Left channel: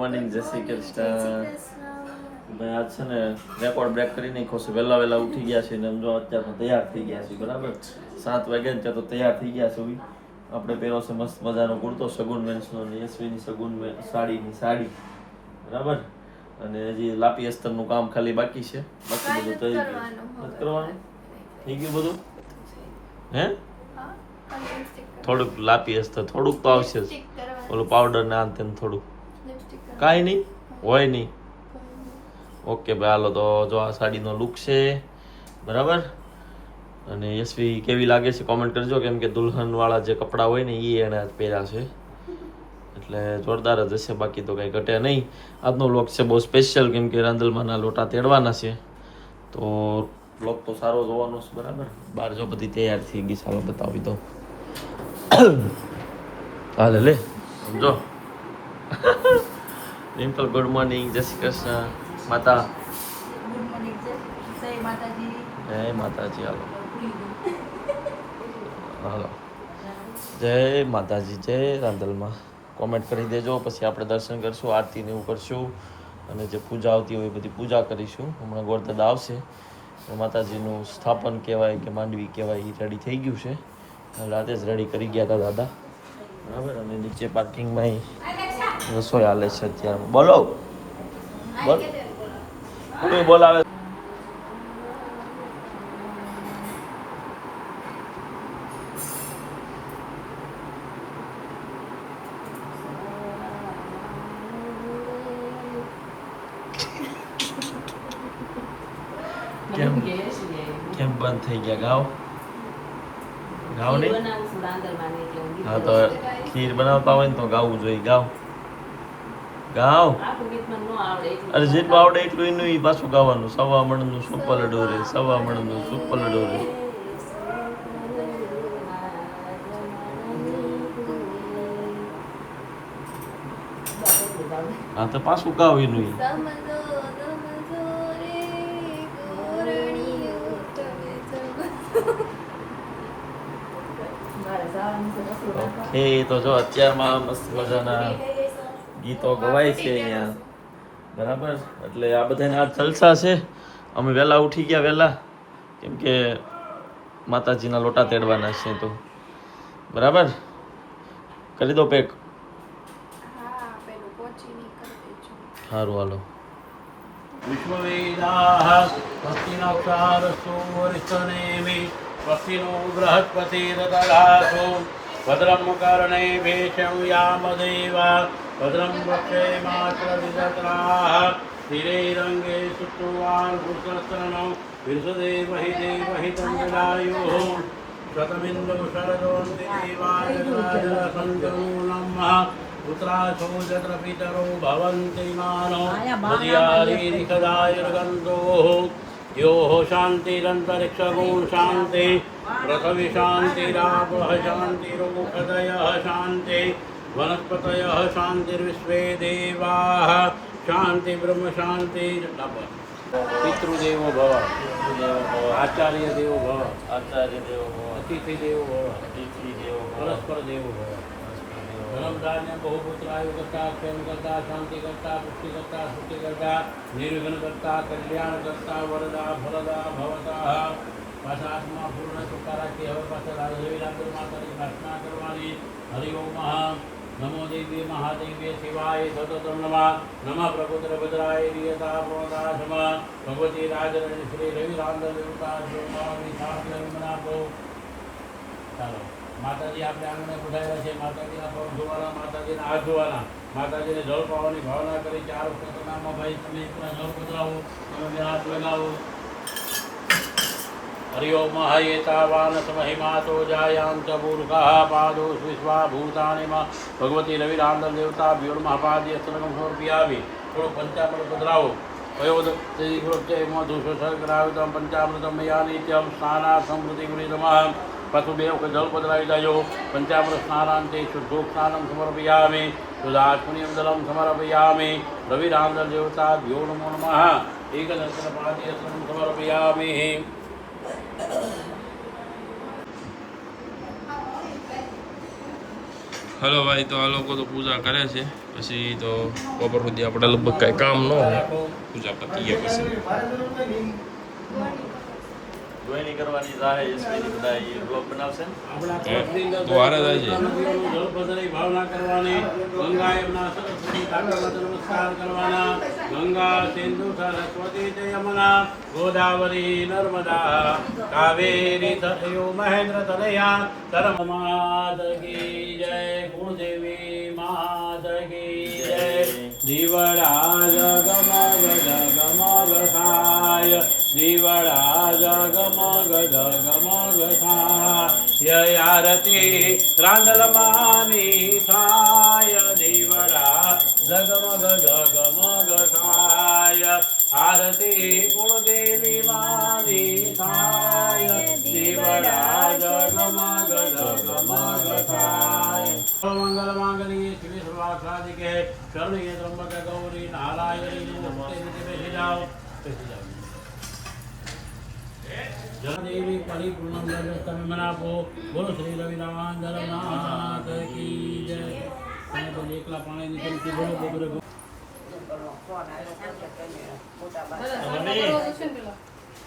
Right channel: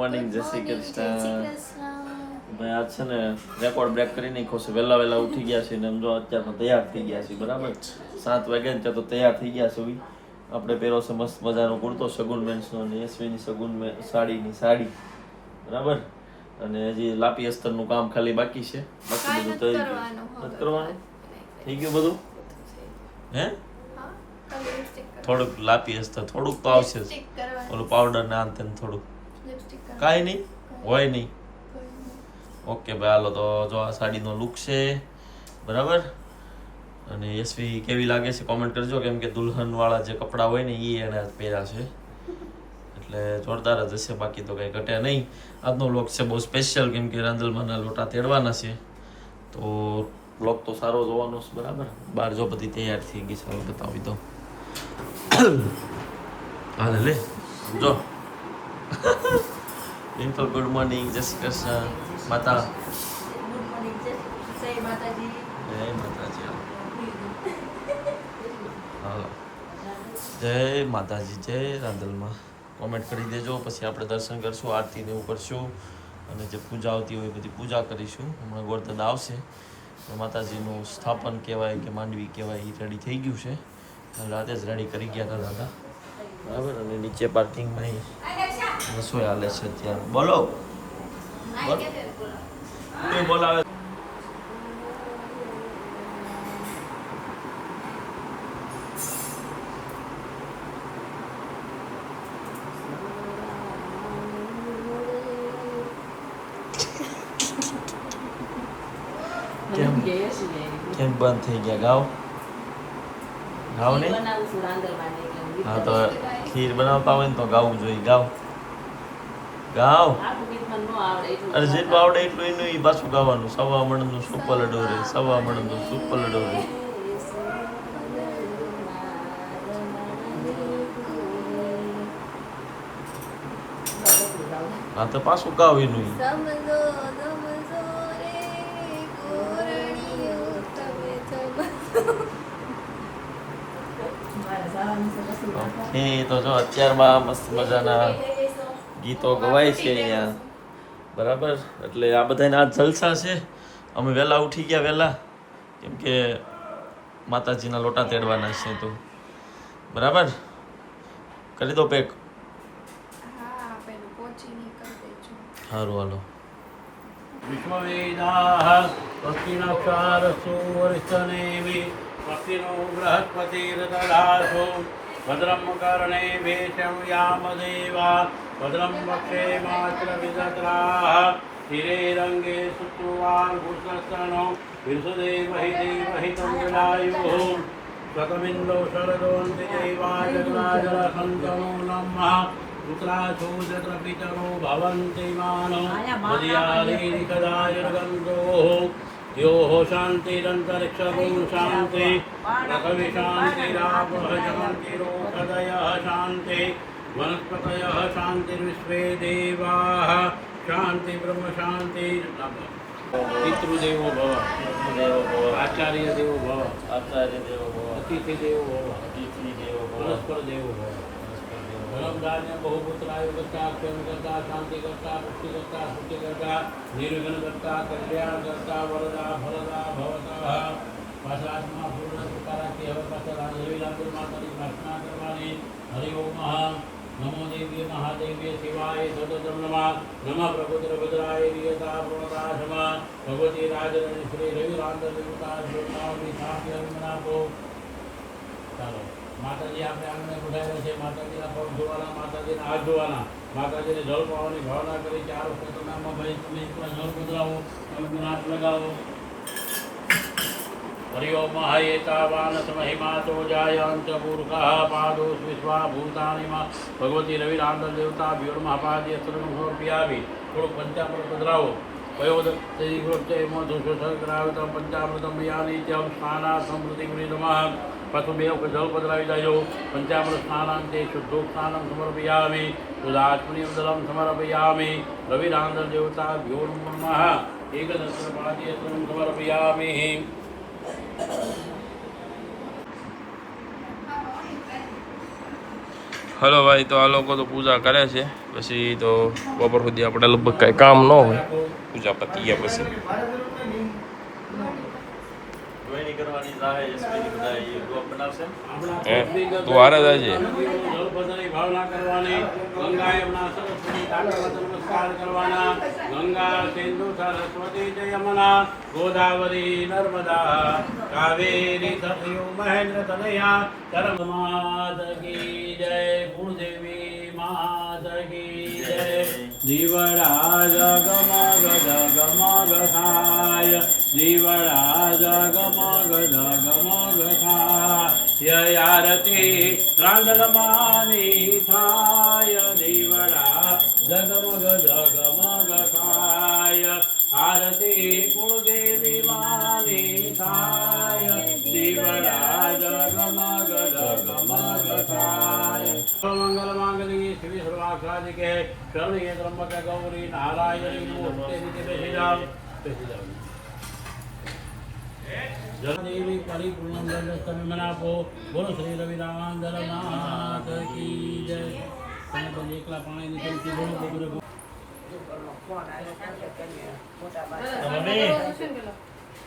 Morning, જય શ્રી કૃષ્ણ. ભાઈ આજ છે ને રેકોર્ડ બ્રેક કરી નાખ્યો છે. વહેલા વહેલા ઉઠી ગયા છે ને એમ જો અત્યારે તો તૈયાર થઈ ગયા છે. બરાબર 7 વાગ્યા ને ત્યાં તો તૈયાર થઈ ગયા છે. આપણે પહેરો છે મસ્ત મજાનો કુર્તો સગુન મેન્સનો અને એસવીની સગુન સાડીની સાડી. બરાબર. અને હજી લાપી અસ્તરનું કામ ખાલી બાકી છે. બાકી બધું થઈ ગયું. નથી કરવાનું? થઈ ગયું બધું? હે? થોડુંક લાપી અસ્તર થોડુંક તો આવશે જ. ઓલું પાવડર ને આમ તેમ થોડુંક. કાંઈ નહીં હોય નહીં. ઓકે ભાઈ હાલો તો જો આ સાડીનો લુક છે. બરાબર. અને યશવી કેવી લાગે છે કોમેન્ટ કરજો, કેમ કે દુલ્હનવાળા જે કપડાં હોય ને એ એને પહેર્યા છે એટલે જોરદાર જ હશે. બાકી તો કંઈ ઘટે નહીં. આજનો વ્લોગ છે બહુ સ્પેશિયલ, કેમ કે રાંદલમાંના લોટા તેડવાના છે તો વ્લોગ તો સારો જોવાનો છે. બરાબર. બહાર જો બધી તૈયાર થઈ ગઈ સારો બતાવી દો. હાલે લે સમજો. ડિમ્પલ ગુડ મોર્નિંગ, જય શ્રી કૃષ્ણ. માતા જય માતાજી. હાલો જય માતાજી, જય રાંદલમાં. કોમેન્ટ કરી દેજો, પછી આપણે દર્શન કરશું, આરતી ને એવું કરશું અને જે પૂજા આવતી હોય એ બધી પૂજા કરીશું. હમણાં ગોરધન આવશે, માતાજીનું સ્થાપન કહેવાય કે માંડવી કહેવાય એ રેડી થઈ ગયું છે. રાતે જ રેડી કરી ગયા હતા દાદા. બરાબર. અને નીચે પાર્કિંગમાં રસોઈ હાલે છે અત્યારે. બોલો બોલ, કોઈ બોલાવે? કેમ બંધ થઈ ગયા? ગાવ ગાવ નહીં. હા તો ખીર બનાવતા હોય ને તો ગાવું જોઈએ. ગાવ ગાવ. અરે જેટલું આવડે એટલું એનું ઈ પાછું ગાવાનું. સવા મણનું સુપલ ડોરે, સવા મણનું સુપલ ડોરે. હા તો પાછું ગાવ એનું ઈ. ઓકે તો જો અત્યારમાં મસ્ત મજાના ગીતો ગવાય છે અહીંયા. બરાબર. એટલે આ બધાને આ જલસા છે. અમે વહેલા ઉઠી ગયા વહેલા, કેમ કે માતાજીના લોટા તેડવાના છે તો. બરાબર. કરી દો પેક. સારું હાલો. વિશ્વવેદાઃ સ્વસ્તિનક્ષારસ્સુ વરિષ્ઠનેમિ સ્વસ્તિનો બૃહસ્પતિર્દધાતુ ભદ્રં કર્ણેભ્યઃ યામદેવા ભદ્રં વક્ષેમાત્ર વિદત્રાઃ હિરેરંગે સુષ્ટુવાन् પુષ્ણસ્તનો વિરસદેવહિ દેવહિ તંગલાયુઃ શતમિન્દો શરદોન્તિ દેવાયજનાજનસંજનૂલમઃ પુત્રાશો જત્ર પિતરો ભવન્તિ માનો મદિયારીરિકદાયર્ગન્ધોઃ યો શાંતિરંતરિક્ષગુણ શાંતિ પૃથ્વી શાંતિરાપઃ શાંતિરોષધયઃ શાંતિ વનસ્પતયઃ શાંતિર્વિશ્વે દેવાઃ શાંતિ બ્રહ્મ શાંતિ. પિતૃદેવો ભવ, આચાર્ય દેવો ભવ, આચાર્ય દેવો ભવ, અતિથિ દેવો ભવ, અતિથિ દેવો ભવ, પરસ્પર દેવો ભવ. ધનમદાન્ય બહુપુત્રાયુ કરતા, પ્રેમ કરતા, શાંતિ કરતા, પુષ્ટિ કરતા, શુદ્ધિ કરતા, નિર્વિઘ્ન કરતા, કલ્યાણ કરતા, વરદા ફલદા ભવતા. પાછા આત્મા પૂર્ણ કૃપા રાખી હવે પાછા રાજદેવી રાંદર માતાની પ્રાર્થના કરવાની. હરિ ઓમ નમો દેવીએ મહાદેવીએ શિવાય સતતમ નમઃ પ્રભુત્ર ભદ્રાય વિયતા પ્રોતાશમ ભગવતી રાજરણી શ્રી રવિ રાંદર દેવતા શ્રોતાની સાથે મનાવો. ચાલો માતાજી આપણે આંગણે બુધાવ્યા છે. માતાજીના પગ ધોવાના, માતાજીના હાથ ધોવાના, માતાજીને જળ પાવાની ભાવના કરી. 4 વખત નામમાં ભાઈ તમે જળ પધરાવો, તમે હાથ લગાવો. હરિ ઓમ એતાવાનસ મહિમાતો જાયાંત મૂર્ખઃ પાદો વિશ્વા ભૂતાનિમાં ભગવતી રવિ રાંદર દેવતા વ્યોર્મઃ પાદ્ય શ્રમ સમર્પયામિ. થોડો પંચામૃત પધરાવો. વયોદત્તૈવૃત્તેમાં દુષસહગ્રાવતં પંચામૃતમ મયા નિત્યમ સ્નાનાર્થં પ્રતિગૃહીતમઃ. પાછું 2 વખત જળ પધરાવી દેજો. પંચામૃત સ્નાનાંતે શુદ્ધોક્તાનં સમર્પયામિ. સુધાત્મનિયમ જલમ સમર્પયામિ. રવિ રાંદર દેવતા ભ્યો નમઃ. એકદત્ર પાદ્ય શ્રમ સમર્પયામિ. હલો ભાઈ, તો આ લોકો તો પૂજા કરે છે, પછી તો બપોર સુધી આપણે લગભગ કાંઈ કામ ન હોય, પૂજા પતી ગયા પછી ગોયણી કરવાની રાહે યશવીની બધા એ બ્લોગ બનાવશે. તું હારે જાય છે. ભાવના કરવાની. ગંગા યમુના સરસ્વતી કાંઠા નમસ્કાર કરવાના. ગંગા સિંધુ સરસ્વતી ચ યમુના ગોદાવરી નર્મદા કાવેરી સરયુ મહેન્દ્ર તનયા ધર્મ માત કી જય. કુળદેવી માત કી જય. દીવડા જગમગ જગમગ થાય. દીવડા જગમગ જગમગ થાય. આરતી રાંદલમાની થાય. દીવડા જગમગ જગમગ થાય. આરતી કુળદેવી માની થાય. દીવડા જગમગ જગમગ થાય. મંગલ માંગલી શ્રી સર્વાસાધિકે શરણીય ત્રંબકે ગૌરી નારાયણી નમસ્તે. નીચે બેસી જાઓ. બેસી જાઓ. જલદેવી પરિપૂર્ણમ જગતમ મનાપો. બોલો શ્રી રવિરામાન ધર્મનાથ કી જય. તમે બધા એકલા પાણી નીકળતી બોલો બબરે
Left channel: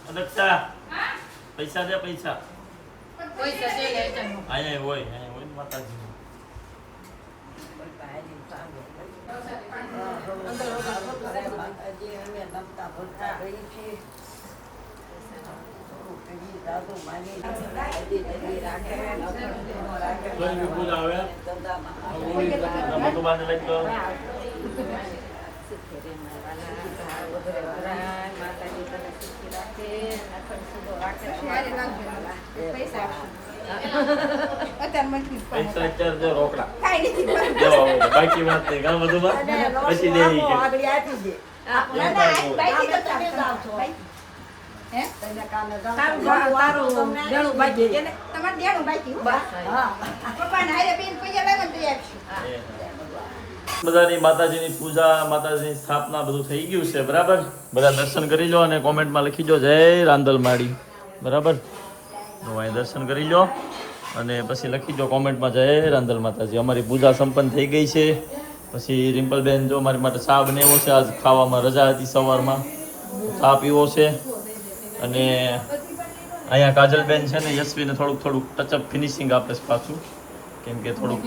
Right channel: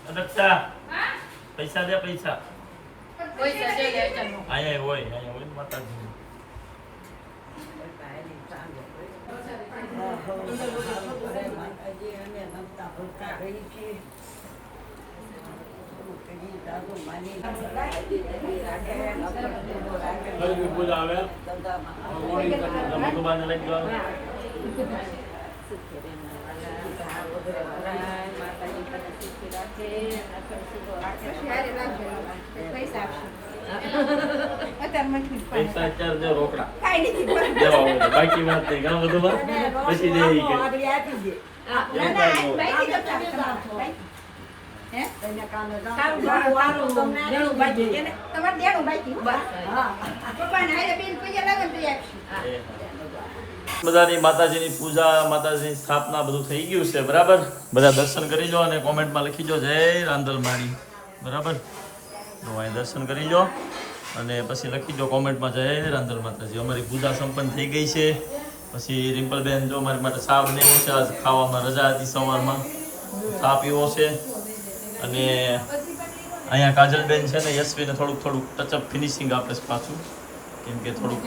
અદક્ષા પૈસા દે પૈસા. આયા હોય માતાજી. ભગવાન લઈ લો. પૈસા ચાર્જ રોકડા બાકી વાત નહીં. ઘણા બધું પછી દે બધાની માતાજીની પૂજા, માતાજીની સ્થાપના બધું થઈ ગયું છે. બરાબર, બધા દર્શન કરી લો અને કોમેન્ટમાં લખી દો જય રાંદલમાડી. બરાબર, તો અહીં દર્શન કરી લો અને પછી લખી દો કોમેન્ટમાં જય રાંદલ માતાજી. અમારી પૂજા સંપન્ન થઈ ગઈ છે. પછી રિમ્પલબેન જો મારી માટે ચા બનાવ્યો છે. આજ ખાવામાં રજા હતી, સવારમાં ચા પીવો છે. અને અહીંયા કાજલબેન છે ને યશવીને થોડુંક ટચઅપ ફિનિશિંગ આપે છે પાછું, કેમ કે થોડુંક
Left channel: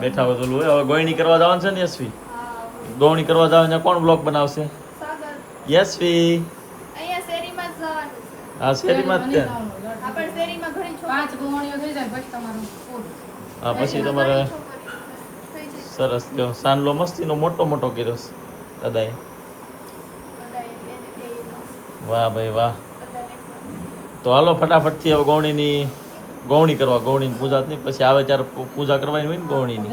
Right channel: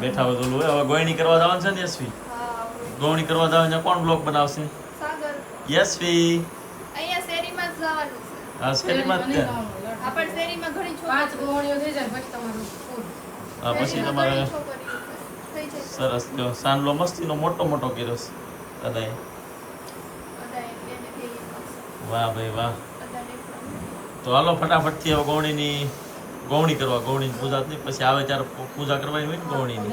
બેઠા વધેલું હોય. હવે ગોયણી કરવા જવાનું છે ને યશવી, ગોવણી કરવા જવાનું કોણ બ્લોગ બનાવશે? યશવી અહીંયા શેરીમાં જ જવાનું છે. હા શેરીમાં જ ત્યાં. આપણ શેરીમાં ઘણી પાંચ ગોળીઓ થઈ જાય પછી તમારું પૂરું. હા પછી તમારે થઈ જાય. સરસ જો સાંડલો મસ્તીનો મોટો મોટો કર્યો છે દાદાએ. વાહ ભાઈ વાહ. તો હાલો ફટાફટથી હવે ગૌણી કરવા, ગૌણીની પૂજા નહીં પછી આવે ત્યારે પૂજા કરવાની હોય ને ગૌણીની.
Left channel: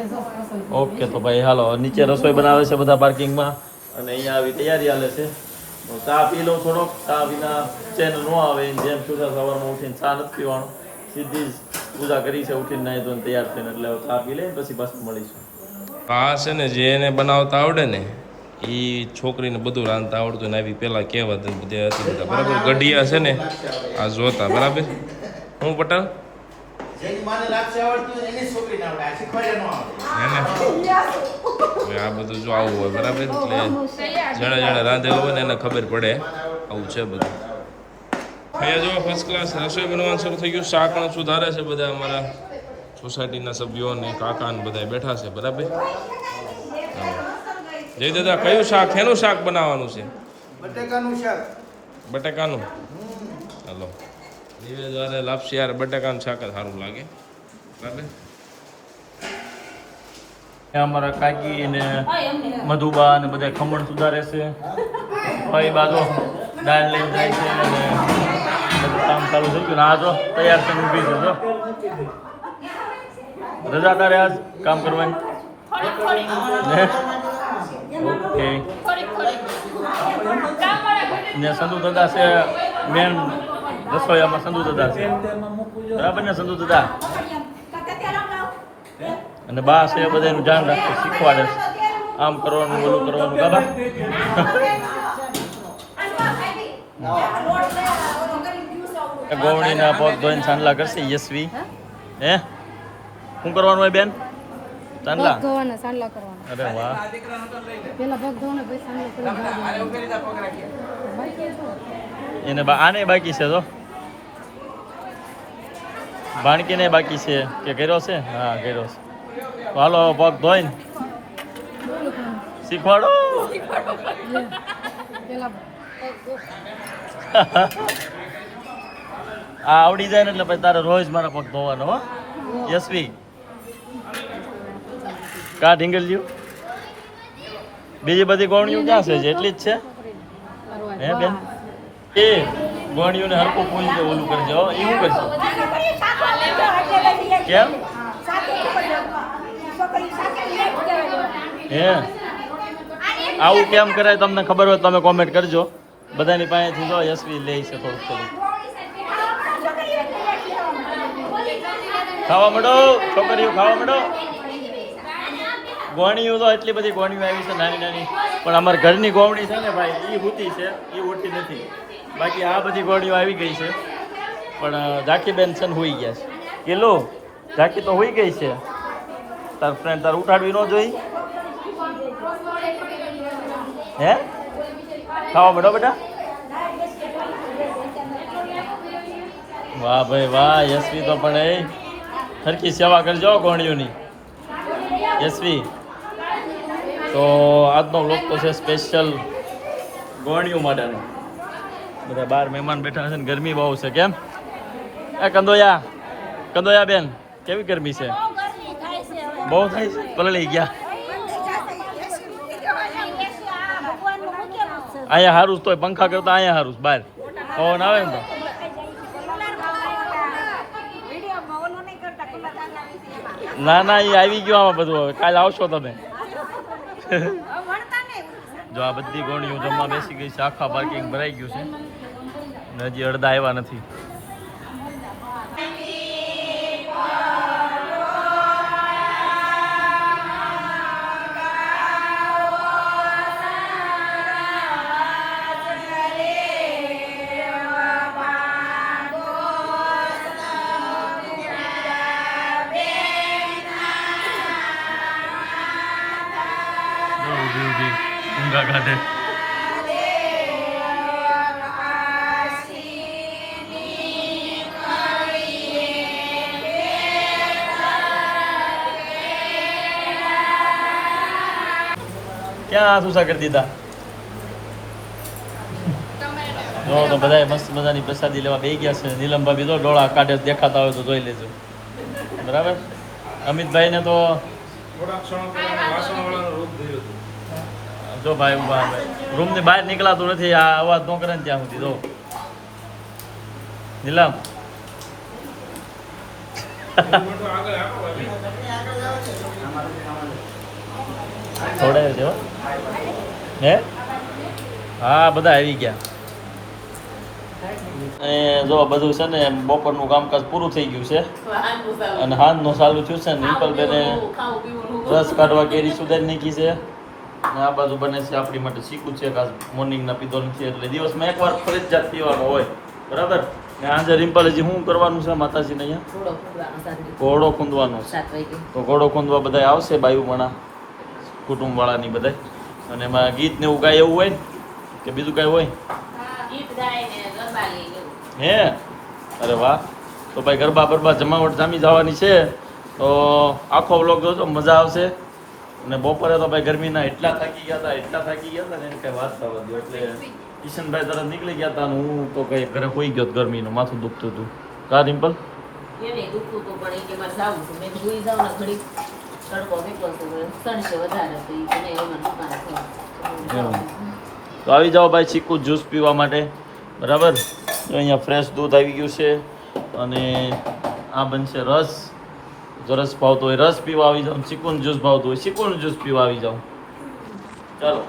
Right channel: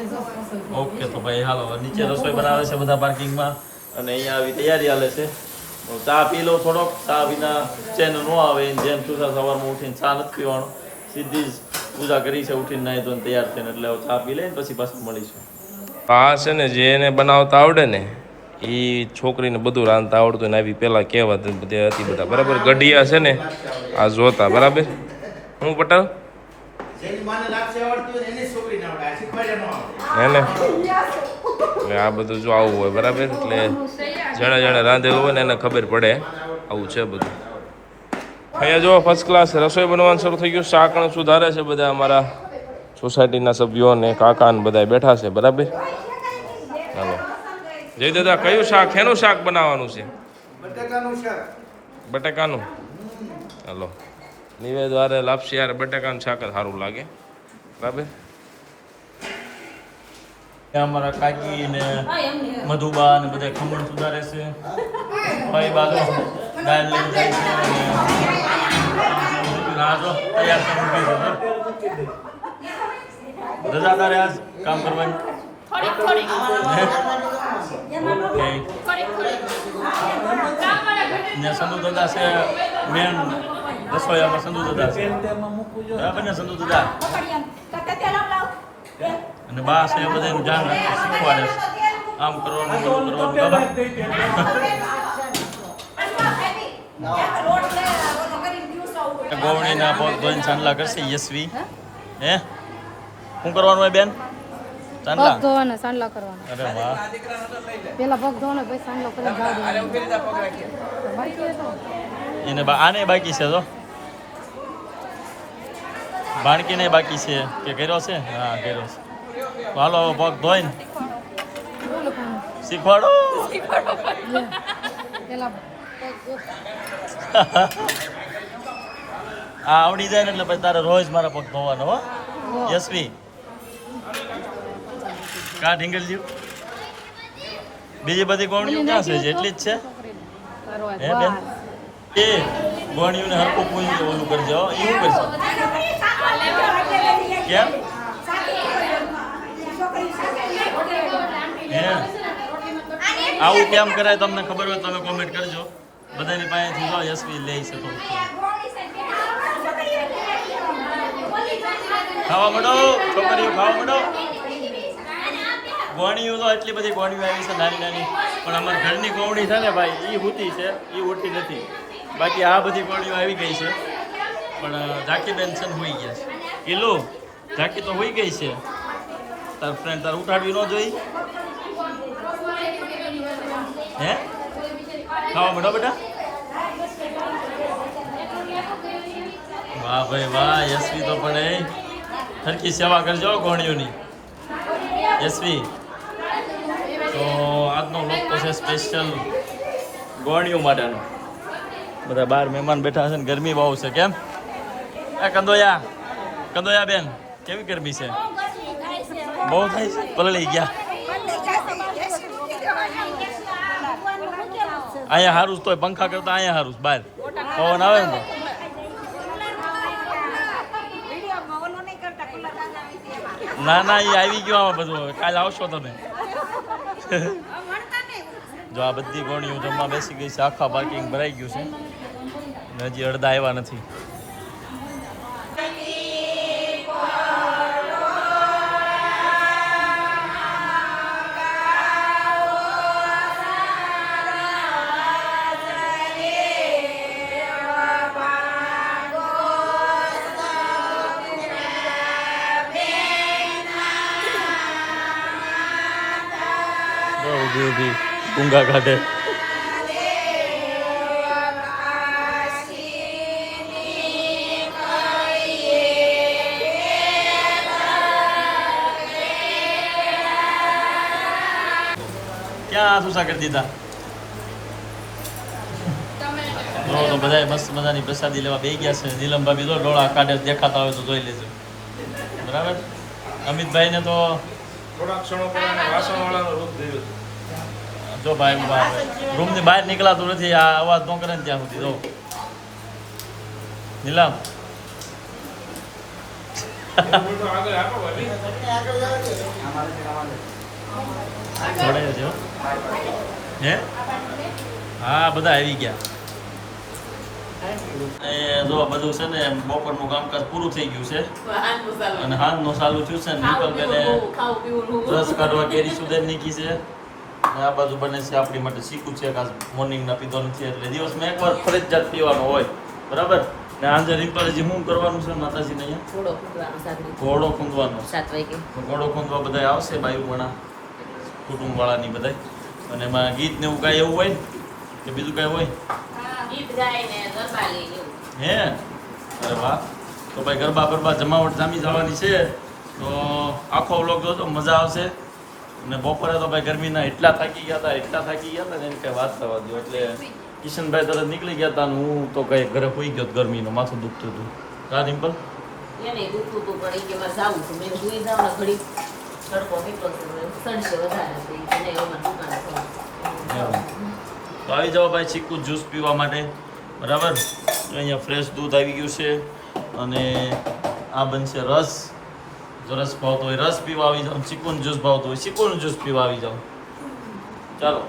ઓકે તો ભાઈ હાલો, નીચે રસોઈ બનાવે છે બધા પાર્કિંગમાં અને અહીંયા આવી તૈયારી હાલે છે. ચા પી લો થોડોક. ચા વિના ચેન ન આવે. જેમ સુધા સવારમાં ઉઠીને ચા નથી પીવાનો, સીધી જ પૂજા કરી છે ઉઠીને નાહી ધોઈને તૈયાર થઈને. એટલે હવે ચા પી લઈને પછી પાછું મળીશું. આ છે ને જે એને બનાવતા આવડે ને એ છોકરીને બધું રાંધતા આવડતું ને આવી પેલા કહેવત બધી હતી બધા. બરાબર, ગઢિયા છે ને આ જોતા. બરાબર, હું પટેલ એને આ બધું જો આવું હોય. બરાબર, એટલે જણે રાંધેલું હોય ને એને ખબર પડે આવું છે બધું. અહીંયા જો ફર્સ્ટ ક્લાસ રસોઈ બનવાનું શરૂ થઈ ગયું. શાકણ સુધારે છે બધા અમારા સોસાયટીના સભ્યો ને કાકા ને બધા બેઠા છે. બરાબર, ચાલો જય દાદા, કયું શાક, શેનું શાક બનાવવાનું છે? બટાકાનું. ચાલો, નિવેદ વારે લાપસી યાર બટાકાનું શાક જ સારું લાગે. બરાબર, અમારા કાકી ને મધુબા ને બધા ખમણ સુધારે છે. ભાઈ બાજુ દાળ લઈને જાય છે અને કામ ચાલુ થઈ ગયું. આ જો તૈયાર થઈને ઊભી છે. જો રજા તારે આજ કામ કરવાની? ઓકે. ને સંધુ દાદા છે મેન રસોઈયામાં. સંધુ દાદા છે બરાબર ને? સંધુ દાદા અને બા છે બધા એનું ધ્યાન રાખે, શીખવાડે છે આમ કરવાનું ઓલું કરવાનું. બાબા ગોવણીના પગ ધોઈને સાંડલા કરશે યશવી. હે શું કરવાનું હોય બેન? ચાંદલા પગ ધોવાના સાંડલા કરવાના અરે વાહ પેલા પગ ધોવાના પછી સાંડલો કરીને જાવ એને આને બાકી છે તો ભાણકીને બાકી છે કે કર્યો છે હા કર્યો છે તો હાલો હવે પગ ધોઈને શીખવાડો પેલા પગ ધો આ આવડી જાય ને એટલે પછી તારે રોજ મારા પગ ધોવાનો હો યશવી કા ઢીંગલ્યું બીજી બધી ગોળીઓ ક્યાં છે એટલી જ છે હે બેન એ ગોળીઓને હરખું પૂરી દે ઓલું કરજો એવું કરજો કેમ હે આવું કેમ કરાય તમને ખબર હોય તમે કોમેન્ટ કરજો બધાની પાસેથી જો યશવી લે છે થોડું થોડું ખાવા માંડો છોકરીઓ ખાવા માંડો ગોણીઓ તો એટલી બધી ગોણીઓ આવી છે નાની નાની પણ અમારા ઘરની ગોવણી છે ને ભાઈ એ હુતી છે એ ઉઠતી નથી બાકી આ બધી ગોળીઓ આવી ગઈ છે પણ ઝાકી બેન છે ને હોઈ ગયા છે કિલો ઝાકી તો હોઈ ગઈ છે તાર ફ્રેન્ડ તાર ઉઠાડવી ન જોઈ હે ખાવા માંડો બેટા વાહ ભાઈ વાહ યશવી તો પણ એ સરખી સેવા કરજો ગોળીઓની યશવી તો આજનો વ્લોગ તો છે સ્પેશિયલ ગોળીઓ માટેનો બધા બહાર મહેમાન બેઠા છે ને ગરમી બહુ છે કેમ એ કંદોયા બેન કેવી ગરમી છે બહુ થાય છે પલળી ગયા અહીંયા હારું તોય પંખા કરતા અહીંયા હારું બહાર પવન આવે ને તો ના ના એ આવી ગયો આમાં બધું હવે કાલે આવશો તમે જો આ બધી ગોળીઓ જમવા બેસી ગઈ છે આખા પાર્કિંગ ભરાઈ ગયું છે ને હજી અડધા આવ્યા નથી ઊભી ઊભી ઊંઘા કાઢે ક્યાં આસુસા કરી દીધા જો તો બધા મસ્ત મજાની પ્રસાદી લેવા બેસી ગયા છે નીલમ ભાભી તો ડોળા કાઢે દેખાતા હોય તો જોઈ લેજો બરાબર અમિતભાઈ ને તો જો ભાઈ ઉભા રૂમ ની બહાર નીકળાતું નથી આ અવાજ ન કરે ને ત્યાં સુધી તો નીલમ થોડાયો છે હે હા બધા આવી ગયા એ જો બધું છે ને બપોરનું કામકાજ પૂરું થઈ ગયું છે અને હાંજનું ચાલુ થયું છે નિપલબેને રસ કાઢવા કેરી સુધારી નાખી છે અને આ બાજુ બને છે આપણી માટે શીખું છે કે મોર્નિંગના પીધો નથી એટલે દિવસમાં એકવાર ફરજિયાત પીવાનું હોય બરાબર ને આજે રિમ્પલ હજી શું કરવાનું છે માતાજીને અહીંયા ઘોડો ખૂંદવાનો તો ઘોડો ખૂંદવા બધા આવશે બાયુમણા કુટુંબવાળાની બધા અને એમાં ગીત ને એવું કાંઈ એવું હોય ને કે બીજું કાંઈ હોય હે અરે વાહ તો ભાઈ ગરબા બરબા જમાવટ જામી જવાની છે તો આખો વ્લોગ જોજો મજા આવશે અને બપોરે તો ભાઈ ગરમીના એટલા થાકી ગયા હતા ને એને કંઈ વાત થવા દો એટલે કિશનભાઈ તરત નીકળી ગયા હતા ને હું તો કઈ ઘરે હોઈ ગયો ગરમીનું માથું દુખતું હતું કા રિમ્પલ એને દુખતું તો પડે કે મારે જાવું છે મેં જોઈ જાવ ને ઘડી તડકો નીકળશે સડશે વધારે તો એ નહીં એમાં દુકાન તો આવી જાઓ ભાઈ ચીકુ જ્યુસ પીવા માટે બરાબર તો અહીંયા ફ્રેશ દૂધ આવી ગયું છે અને આ બનશે રસ જો રસ ભાવતો હોય રસ પીવા આવી જાઓ ચીકુનું જ્યુસ ભાવતું હોય ચીકુનું જ્યુસ પીવા આવી જાઓ ચાલો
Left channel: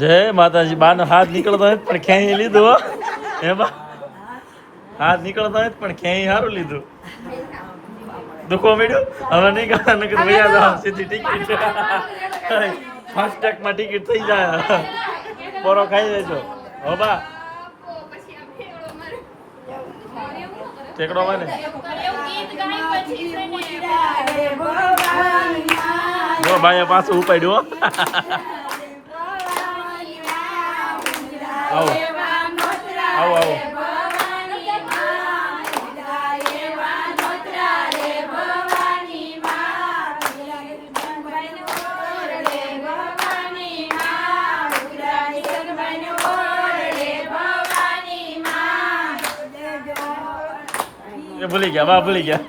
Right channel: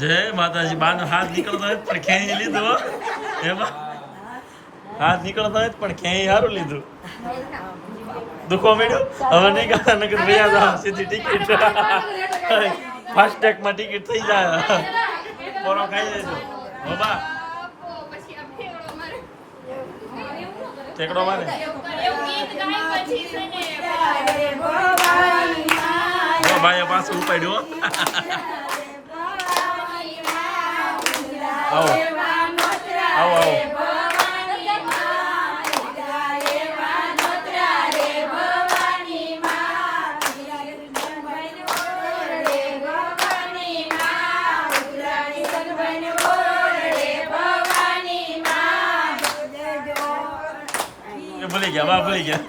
જય માતાજી. બાનો હાથ નીકળતો હોય પણ ક્યાંય લીધો હો. એમાં હાથ નીકળતો હોય પણ ક્યાંય સારું લીધું. દુખવા મળ્યું હવે નહીં ગાતા નકર વયા જાવ સીધી ટિકિટ. ફાસ્ટ ટેગમાં ટિકિટ થઈ જાય. પોરો ખાઈ લેજો હો બા. ટેકડો માને એવું ગીત ગાય પછી છે ને જો ભાઈએ પાછું ઉપાડ્યું હો. આવો આવો આવો. એ ભૂલી ગયા બા ભૂલી ગયા.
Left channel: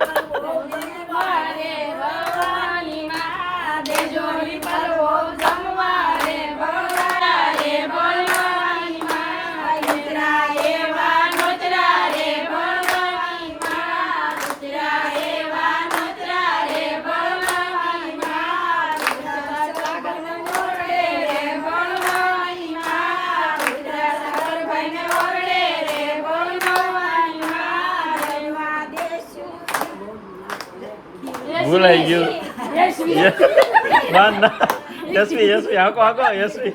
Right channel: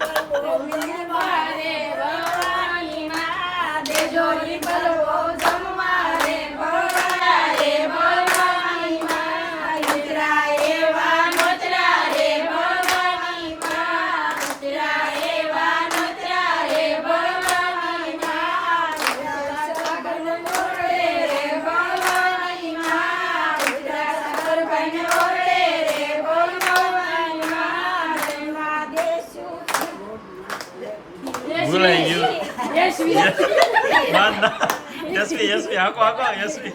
ભૂલાઈ ગયું. માન ના યશવી યશવી હાકો હાકો યશવી.